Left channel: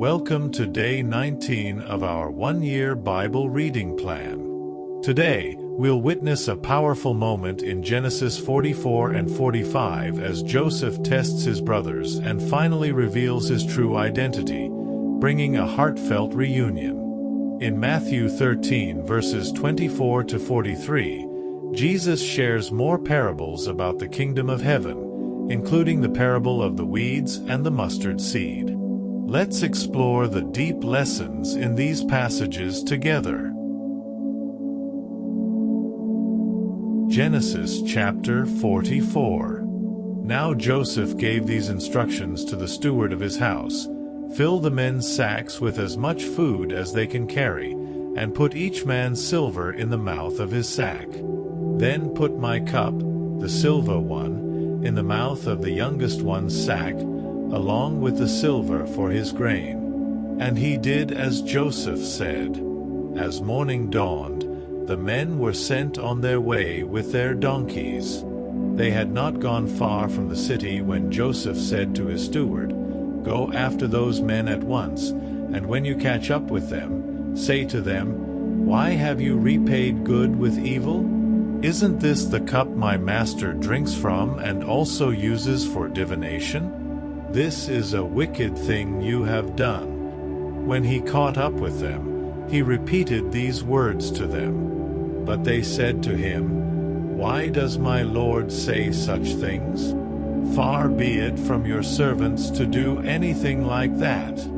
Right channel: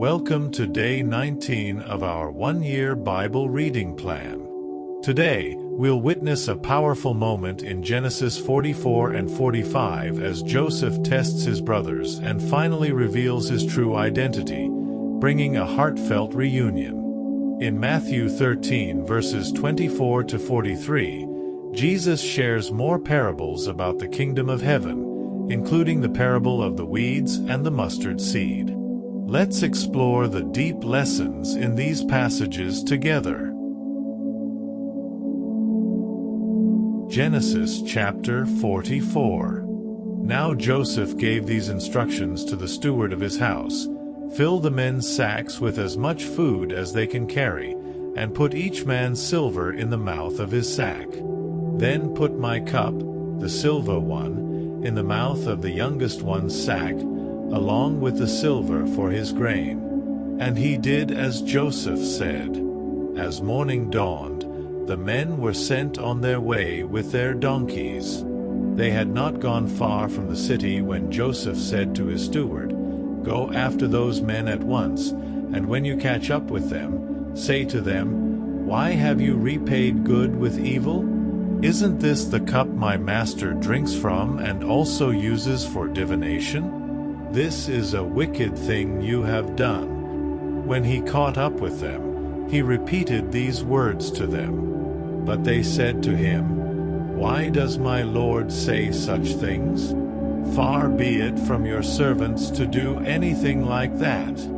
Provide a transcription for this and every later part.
Welcome to day 19 of our one-year Bible reading plan. Today, we'll witness a powerful moment in Genesis 44 and 45 as Joseph tests his brothers and finally reveals his true identity, bringing a heartfelt reunion. In Matthew 13 verses 24 to 43, Jesus shares more parables about the kingdom of heaven, including the parable of the weeds and the mustard seed. Let's explore the deep lessons in these passages together. Genesis chapter 44. Now Joseph gave these instructions to the steward of his house: "Fill the men's sacks with as much food as they can carry, and put each man's silver in the mouth of his sack. Then put my cup, the silver one, in the mouth of the youngest one's sack, along with the silver for his grain." And he did as Joseph said. As morning dawned, the men were sent on their way with their donkeys. They had not gone far from the city when Joseph said to his steward, "Go after those men at once, and when you catch up with them, say to them, 'Why have you repaid good with evil? Isn't this the cup my master drinks from and also uses for divination? This is a wicked thing you have done.'" When he caught up with them, he repeated these words to them. But they said to him, "Why does my Lord say such things? Far be it from your servants to do anything like that.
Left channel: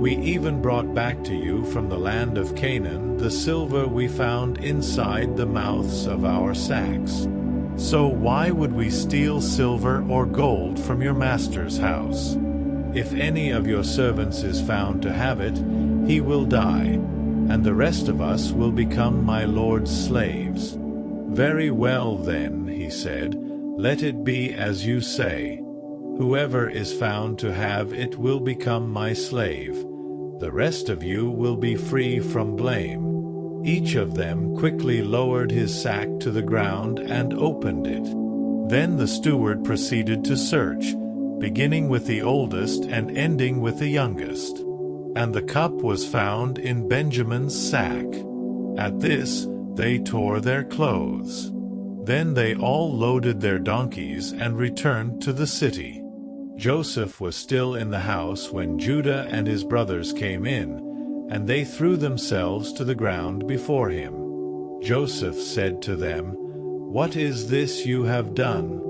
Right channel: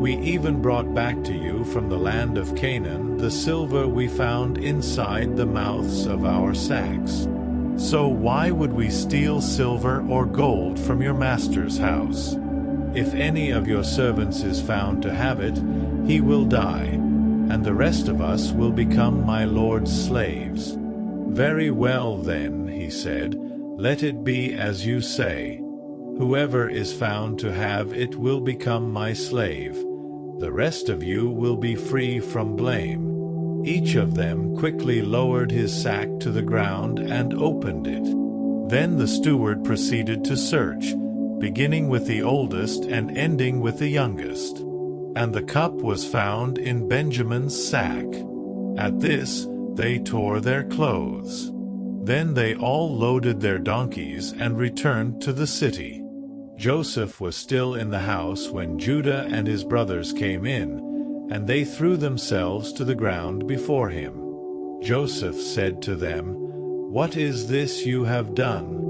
We even brought back to you from the land of Canaan the silver we found inside the mouths of our sacks. So why would we steal silver or gold from your master's house? If any of your servants is found to have it, he will die, and the rest of us will become my Lord's slaves." "Very well then," he said, "let it be as you say. Whoever is found to have it will become my slave. The rest of you will be free from blame." Each of them quickly lowered his sack to the ground and opened it. Then the steward proceeded to search, beginning with the oldest and ending with the youngest. And the cup was found in Benjamin's sack. At this, they tore their clothes. Then they all loaded their donkeys and returned to the city. Joseph was still in the house when Judah and his brothers came in, and they threw themselves to the ground before him. Joseph said to them, "What is this you have done?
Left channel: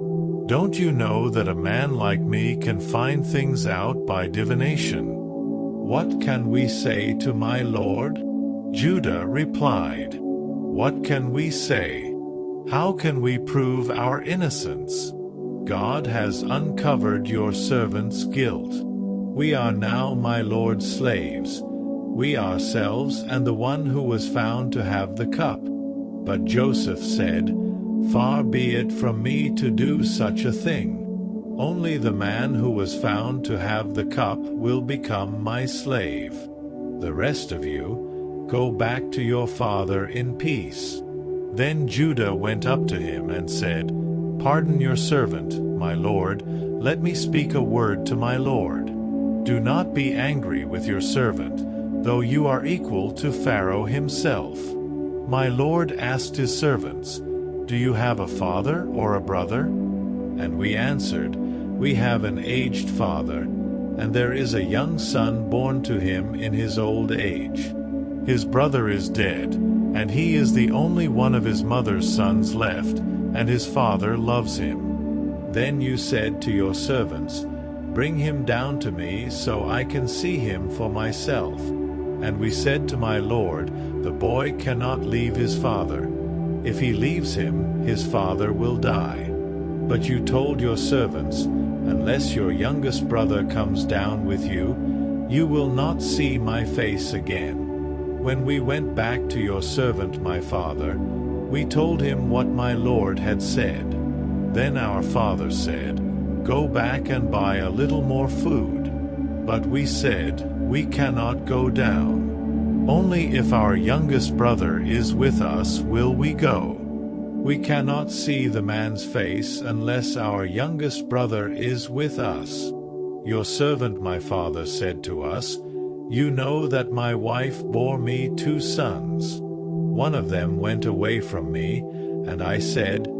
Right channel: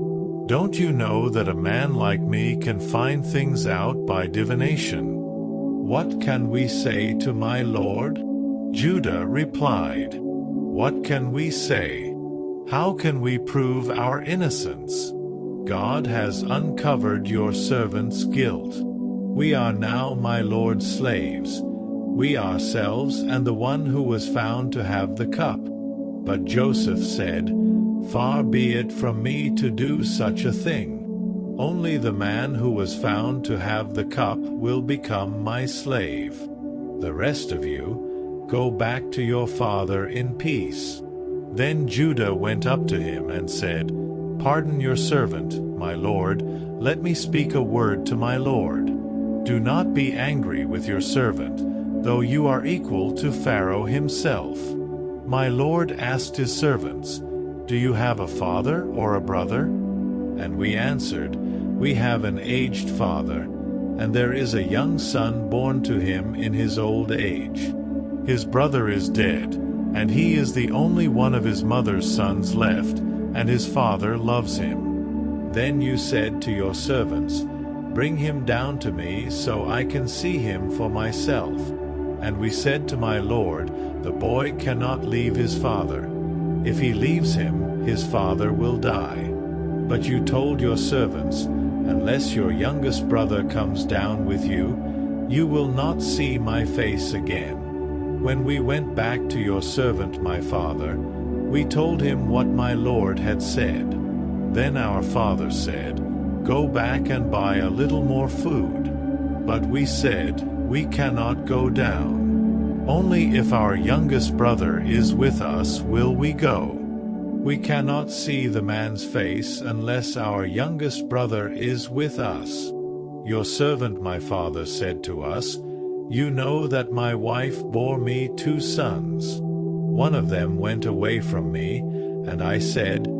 Don't you know that a man like me can find things out by divination? What can we say to my Lord?" Judah replied, "What can we say? How can we prove our innocence? God has uncovered your servant's guilt. We are now my Lord's slaves, we ourselves and the one who was found to have the cup." But Joseph said, "Far be it from me to do such a thing. Only the man who was found to have the cup will become my slave. The rest of you, go back to your father in peace." Then Judah went up to him and said, "Pardon your servant, my lord. Let me speak a word to my lord. Do not be angry with your servant, though you are equal to Pharaoh himself." My lord asked his servants, "Do you have a father or a brother?" And we answered, "We have an aged father, and there is a young son born to him in his old age. His brother is dead, and he is the only one of his mother's sons left, and his father loves him." Then you said to your servants, "Bring him down to me so I can see him for myself." And we said to my lord, "The boy cannot leave his father. If he leaves him, his father will die." But you told your servants, "Unless your youngest brother comes down with you, you will not see my face again." When we went back to your servant my father, we told him what my lord had said. Then our father said, "Go back and buy a little more food." But we said, "We cannot go down. Only if our youngest brother is with us will we go. We cannot see the man's face unless our youngest brother is with us." Your servant my father said to us, You know that my wife bore me 2 sons. One of them went away from me, and I said,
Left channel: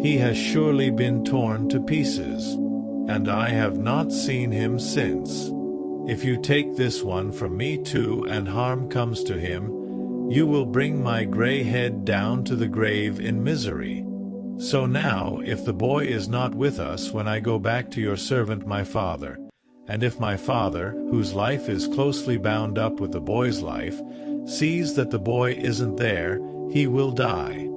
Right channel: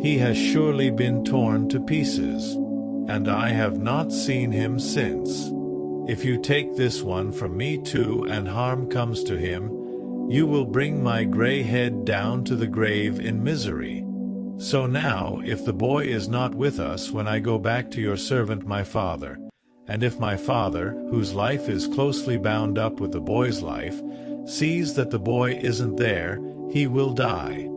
'He has surely been torn to pieces,' and I have not seen him since. If you take this one from me too, and harm comes to him, you will bring my gray head down to the grave in misery. So now, if the boy is not with us when I go back to your servant my father, and if my father, whose life is closely bound up with the boy's life, sees that the boy isn't there, he will die.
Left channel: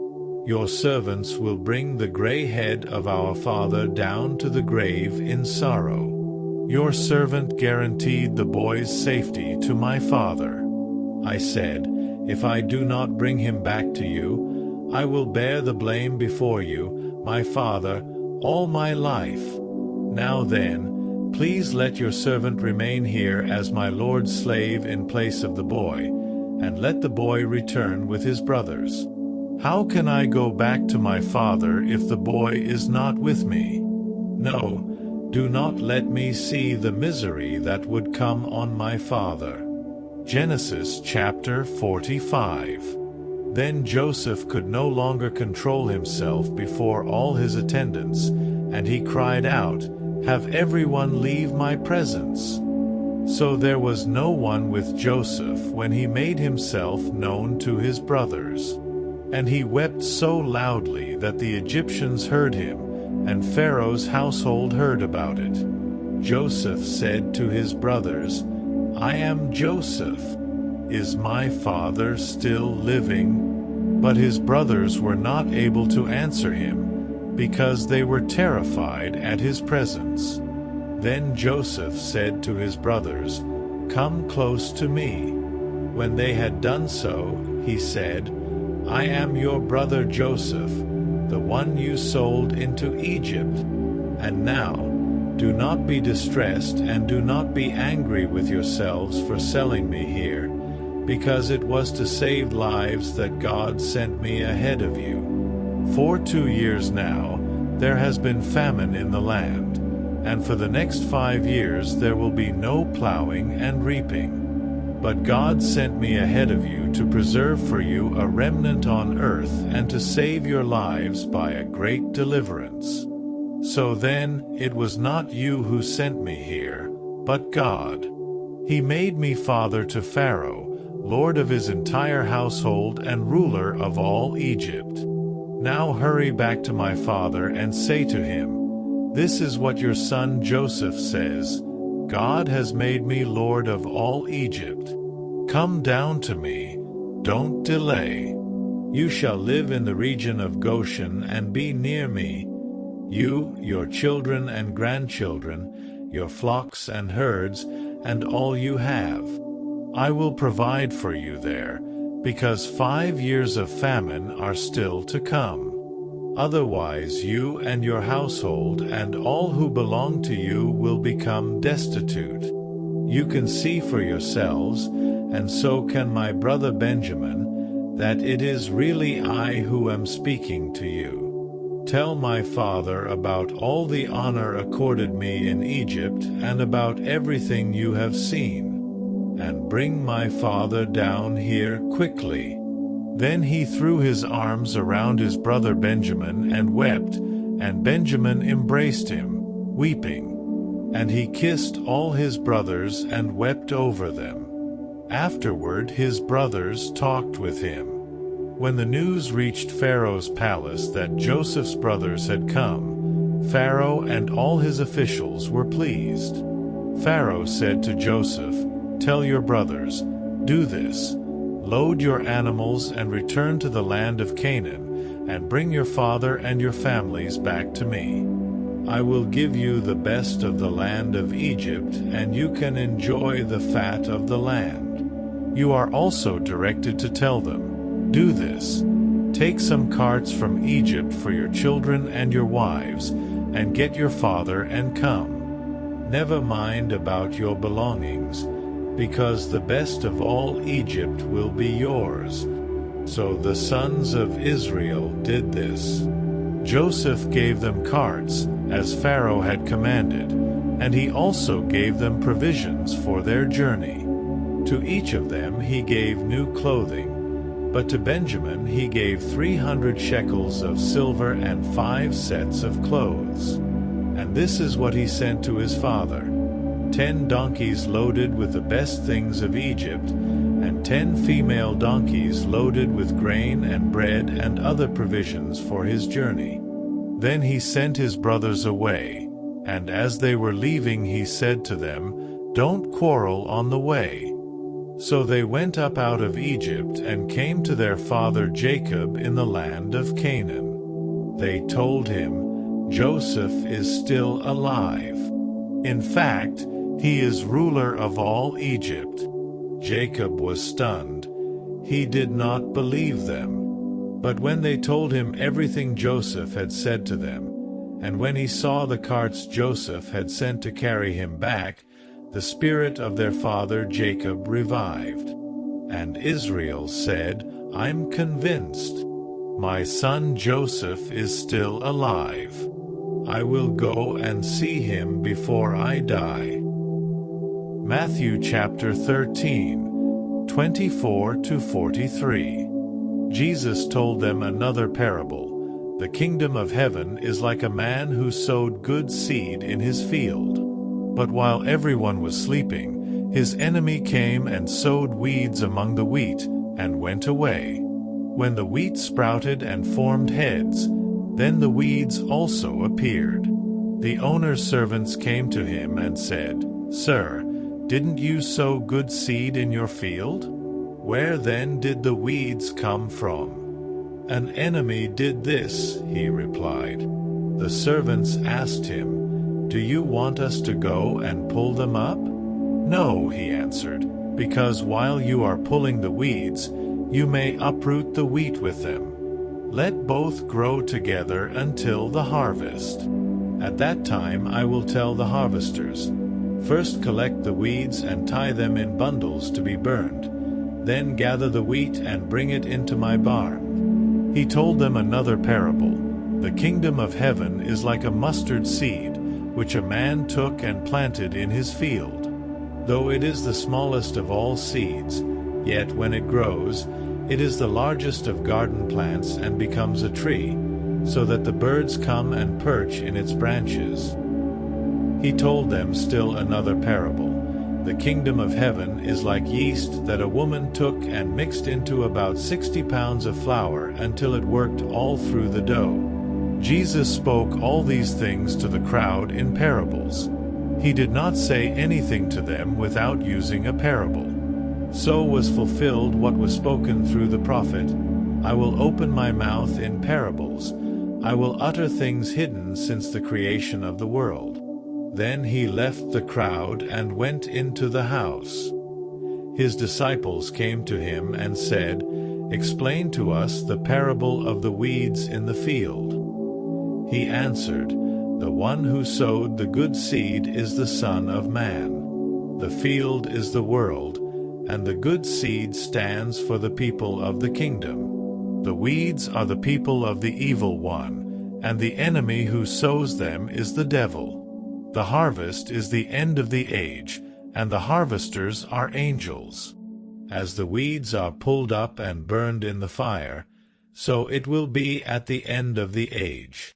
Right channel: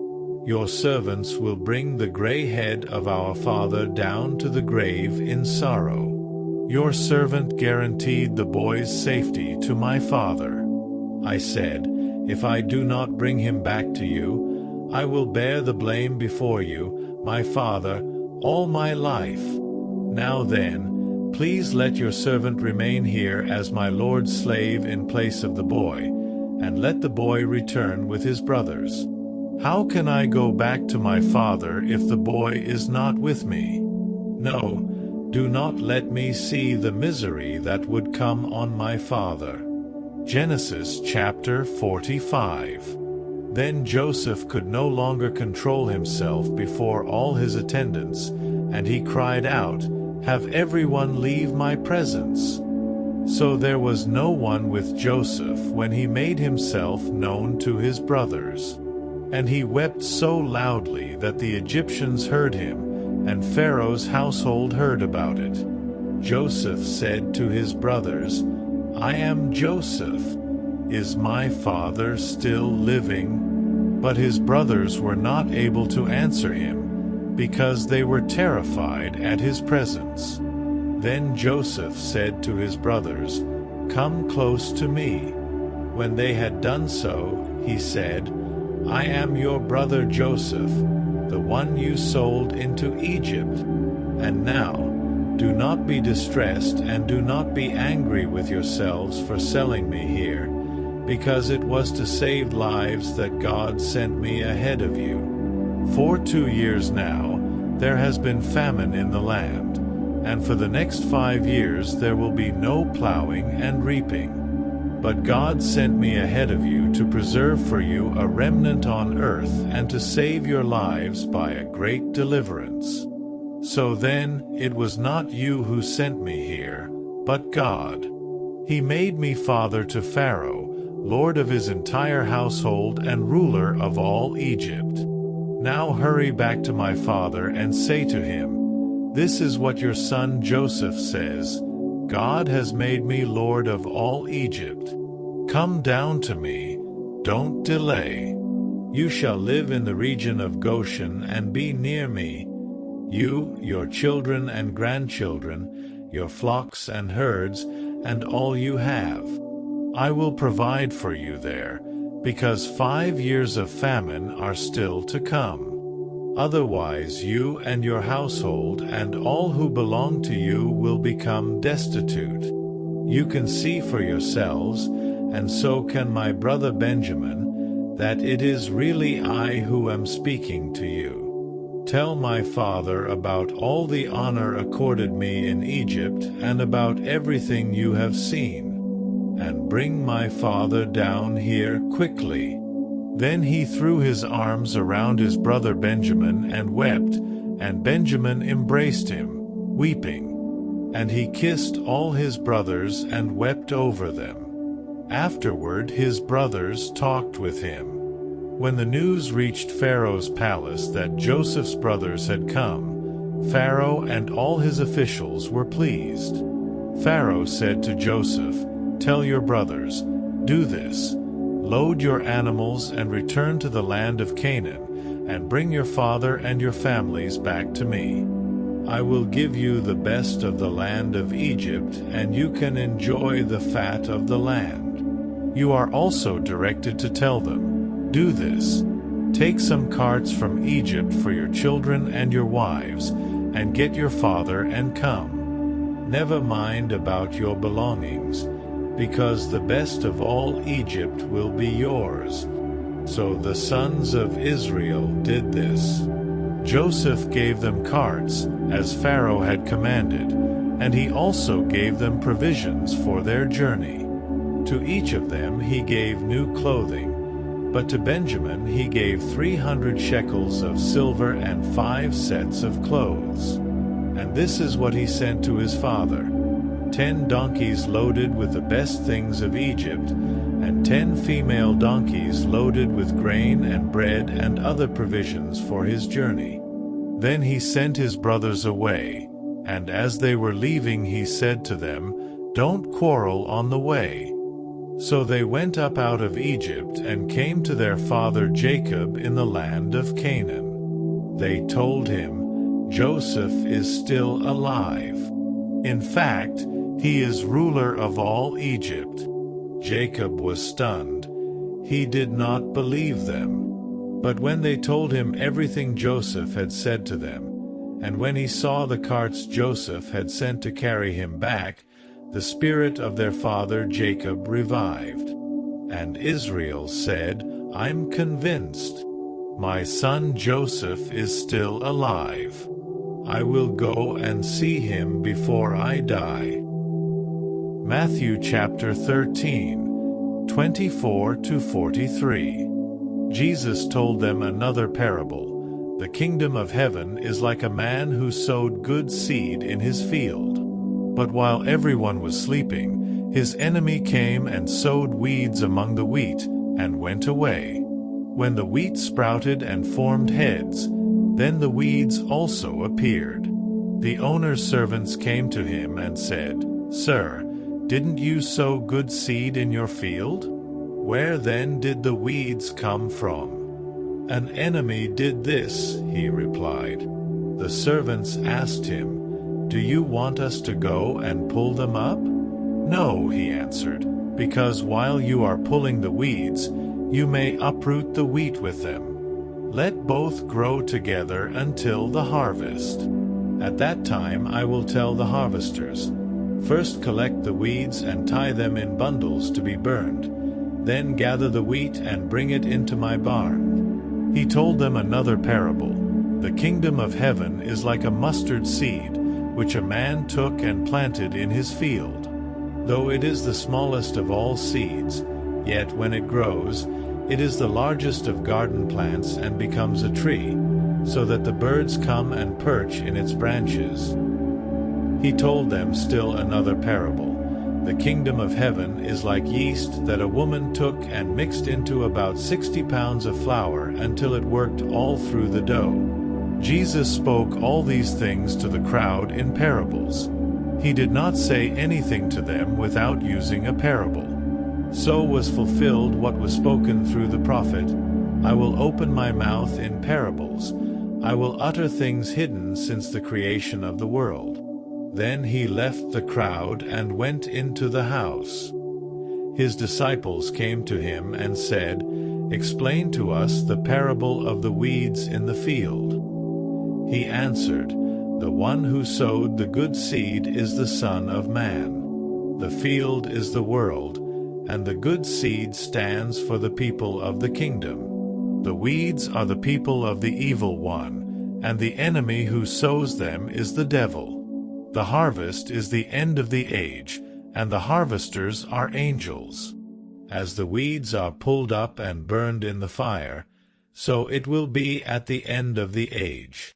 Your servants will bring the gray head of our father down to the grave in sorrow." Your servant guaranteed the boy's safety to my father. I said, "If I do not bring him back to you, I will bear the blame before you, my father, all my life. Now then, please let your servant remain here as my lord's slave in place of the boy, and let the boy return with his brothers. How can I go back to my father if the boy is not with me? No, do not let me see the misery that would come on my father." Genesis chapter 45. Then Joseph could no longer control himself before all his attendants, and he cried out, "Have everyone leave my presence." So there was no one with Joseph when he made himself known to his brothers. And he wept so loudly that the Egyptians heard him, and Pharaoh's household heard about it. Joseph said to his brothers, "I am Joseph. Is my father still living?" But his brothers were not able to answer him, because they were terrified at his presence. Then Joseph said to his brothers, "Come close to me." When they had done so, he said, "I am your brother Joseph, the one you sold into Egypt. And now, do not be distressed and do not be angry with yourselves for selling me here, because it was to save lives that God sent me ahead of you. For 2 years now, there has been famine in the land, and for the next 5 years there will be no plowing and reaping. But God sent me ahead of you to preserve for you a remnant on earth and to save your lives by a great deliverance. So then, it was not you who sent me here, but God. He made me father to Pharaoh, lord of his entire household and ruler of all Egypt. Now hurry back to my father and say to him, 'This is what your son Joseph says, God has made me lord of all Egypt. Come down to me, don't delay. You shall live in the region of Goshen and be near me, you, your children and grandchildren, your flocks and herds, and all you have. I will provide for you there, because 5 years of famine are still to come. Otherwise you and your household and all who belong to you will become destitute. You can see for yourselves, and so can my brother Benjamin, that it is really I who am speaking to you. Tell my father about all the honor accorded me in Egypt and about everything you have seen, and bring my father down here quickly." Then he threw his arms around his brother Benjamin and wept, and Benjamin embraced him, weeping. And he kissed all his brothers and wept over them. Afterward his brothers talked with him. When the news reached Pharaoh's palace that Joseph's brothers had come, Pharaoh and all his officials were pleased. Pharaoh said to Joseph, "Tell your brothers, do this. Load your animals and return to the land of Canaan, and bring your father and your families back to me. I will give you the best of the land of Egypt, and you can enjoy the fat of the land." You are also directed to tell them, "Do this. Take some carts from Egypt for your children and your wives, and get your father and come. Never mind about your belongings, because the best of all Egypt will be yours." So the sons of Israel did this. Joseph gave them carts, as Pharaoh had commanded, and he also gave them provisions for their journey. To each of them he gave new clothing, but to Benjamin he gave 300 shekels of silver and 5 sets of clothes. And this is what he sent to his father: 10 donkeys loaded with the best things of Egypt, and 10 female donkeys loaded with grain and bread and other provisions for his journey. Then he sent his brothers away, and as they were leaving he said to them, "Don't quarrel on the way." So they went up out of Egypt and came to their father Jacob in the land of Canaan. They told him, "Joseph is still alive. In fact, he is ruler of all Egypt." Jacob was stunned. He did not believe them. But when they told him everything Joseph had said to them, and when he saw the carts Joseph had sent to carry him back, the spirit of their father Jacob revived. And Israel said, "I'm convinced. My son Joseph is still alive. I will go and see him before I die." Matthew chapter 13, 24-43. Jesus told them another parable. The kingdom of heaven is like a man who sowed good seed in his field. But while everyone was sleeping, his enemy came and sowed weeds among the wheat, and went away. When the wheat sprouted and formed heads, then the weeds also appeared. The owner's servants came to him and said, "Sir, didn't you sow good seed in your field? Where then did the weeds come from?" "An enemy did this," he replied. The servants asked him, "Do you want us to go and pull them up?" "No," he answered, "because while you are pulling the weeds, you may uproot the wheat with them. Let both grow together until the harvest. At that time I will tell the harvesters, 'First collect the weeds and tie them in bundles to be burned. Then gather the wheat and bring it into my barn.'" He told them another parable. The kingdom of heaven is like a mustard seed, which a man took and planted in his field. Though it is the smallest of all seeds, yet when it grows, it is the largest of garden plants and becomes a tree, so that the birds come and perch in its branches. He told them still another parable. The kingdom of heaven is like yeast that a woman took and mixed into about 60 pounds of flour until it worked all through the dough. Jesus spoke all these things to the crowd in parables. He did not say anything to them without using a parable. So was fulfilled what was spoken through the prophet, "I will open my mouth in parables. I will utter things hidden since the creation of the world." Then he left the crowd and went into the house. His disciples came to him and said, "Explain to us the parable of the weeds in the field." He answered, "The one who sowed the good seed is the Son of Man. The field is the world, and the good seed stands for the people of the kingdom. The weeds are the people of the evil one, and the enemy who sows them is the devil. The harvest is the end of the age, and the harvesters are angels. As the weeds are pulled up and burned in the fire, so it will be at the end of the age.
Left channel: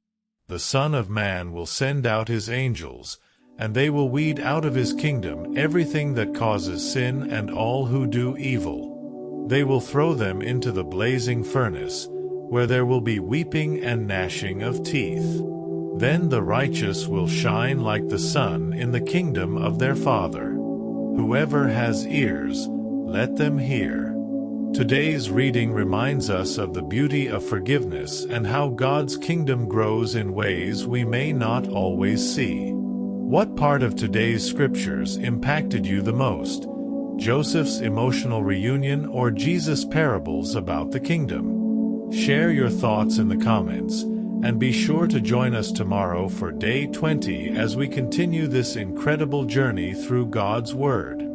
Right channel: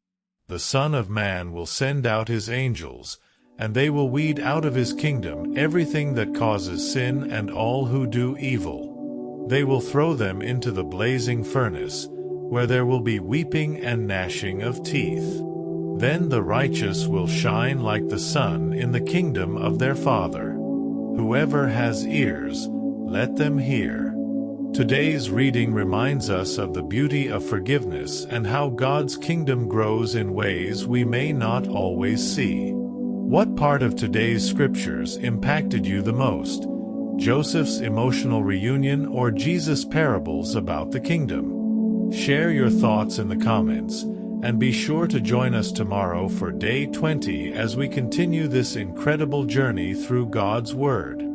The Son of Man will send out his angels, and they will weed out of his kingdom everything that causes sin and all who do evil. They will throw them into the blazing furnace, where there will be weeping and gnashing of teeth. Then the righteous will shine like the sun in the kingdom of their Father. Whoever has ears, let them hear. Today's reading reminds us of the beauty of forgiveness and how God's kingdom grows in ways we may not always see. What part of today's scriptures impacted you the most? Joseph's emotional reunion or Jesus' parables about the kingdom? Share your thoughts in the comments, and be sure to join us tomorrow for Day 20 as we continue this incredible journey through God's Word.